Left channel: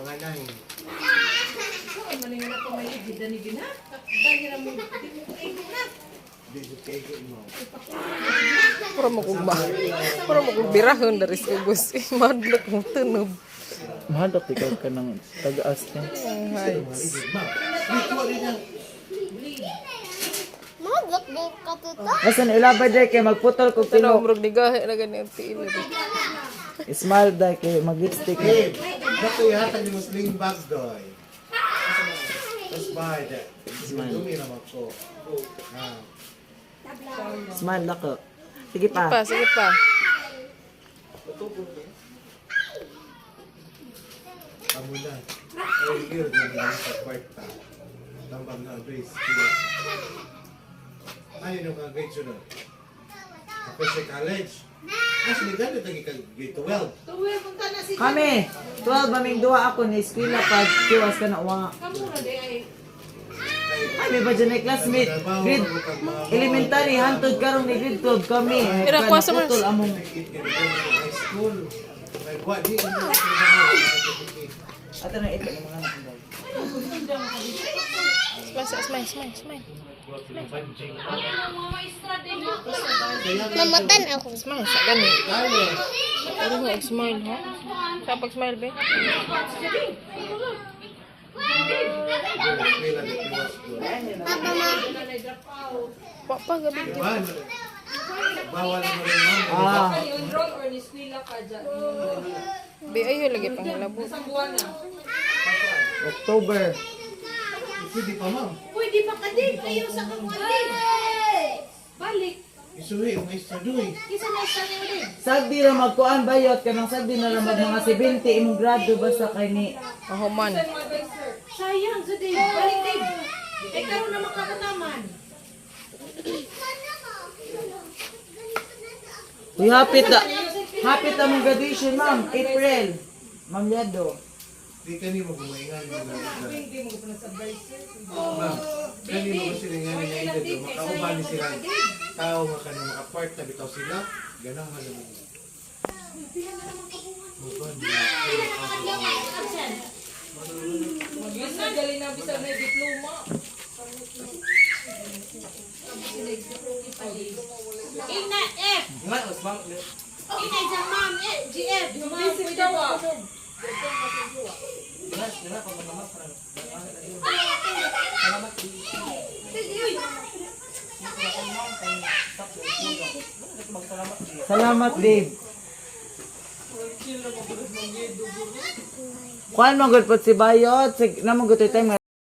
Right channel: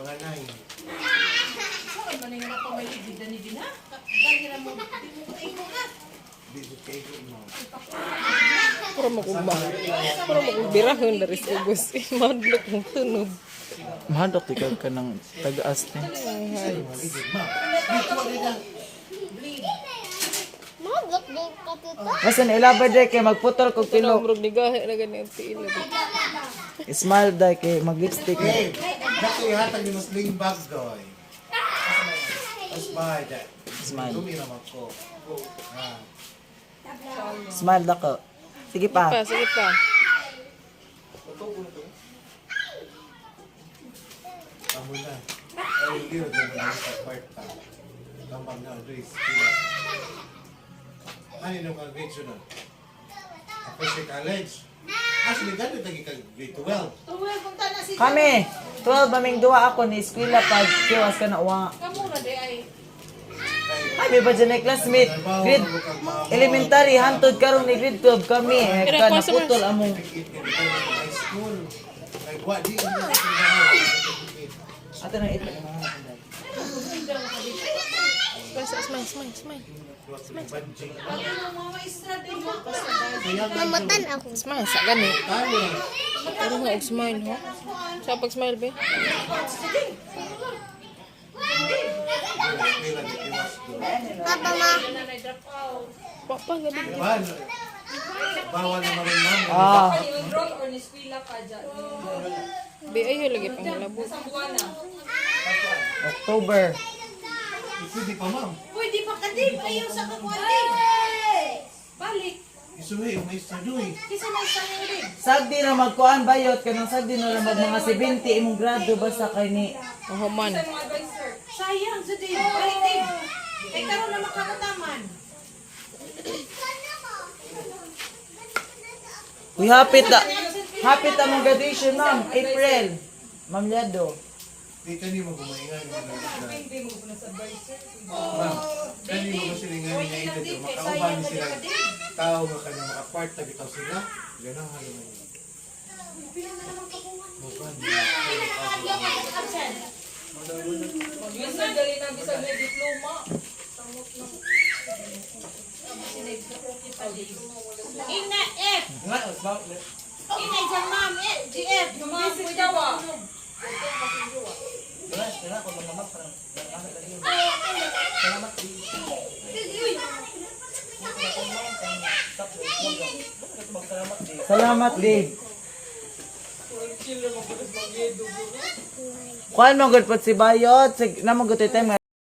Mga nai. Maningin ako may idid na. Dahil na mo, Bigod kayo mo. Pura mo kong birahon dari sa ubos. Madlok mong tunob. Mahadok ikaw ka ng taga-as na. Ay. Maglak din ka tita. Basta nailabay day kay magputol kong Tunaw tino. murag nigahe na ganyan tiil. Smile day kay mag-lipstick na. Babe, dako ihatag ni Muslim bag doy. Let's buy that. Smile. Uminom ako. Smile dako. Sige pa. Sige pa. Amo na. Ay, yun. Yung sa kwarta. Tambang na, Grace. Ano yung mga grade sunod? Ako sa college. Actually, dami tagi ka grade 12. tuwel punta na si Kami, 12 maming duwa ako ni eskwela pag kiwas ka na uwa. Kamuna de ay. Kami ba dyan ay classmate? Grade elementary, hantod karon ni grade 12 kami. Kira ko sa Putol among High school. Nagwa, di. ato na ito. Smile. Mga maestra din mo. Mamatan ako. Smile sa gani. Pero mo smile ha. Sa pag smile be. Papa ma. Papa gabi. Bawal naman rin namin. Ah, Be ayo lagi pang labo. October. Pwede pa, ma'am. Pwede pa ka din. Ayaw sa kamuan. Balik. Isuhi, yung maestra doy. Kisa na isa niyo din. Sagdi ra magkuan bayot kanang sagdi na ra mag mga 70 imong grado basta kay ni Oh man. Sayang sa din. Balik din. Ay karon na makakataman. Uy, hapit ang mga graduation, ma'am. April. Ma'am Liado. Di ka ni mo gumaingan. Ma'am, kani mo kasi nga na ito. Makauban sila. Tao nga kanya makapart na bitaw sila. Ganang halimang yun. Magwan. Ina F. Ina isang ma'am GF. Ma'am pwede ba? Salamat, babe. Kuan mo gud pod si Bayot. Namang gud time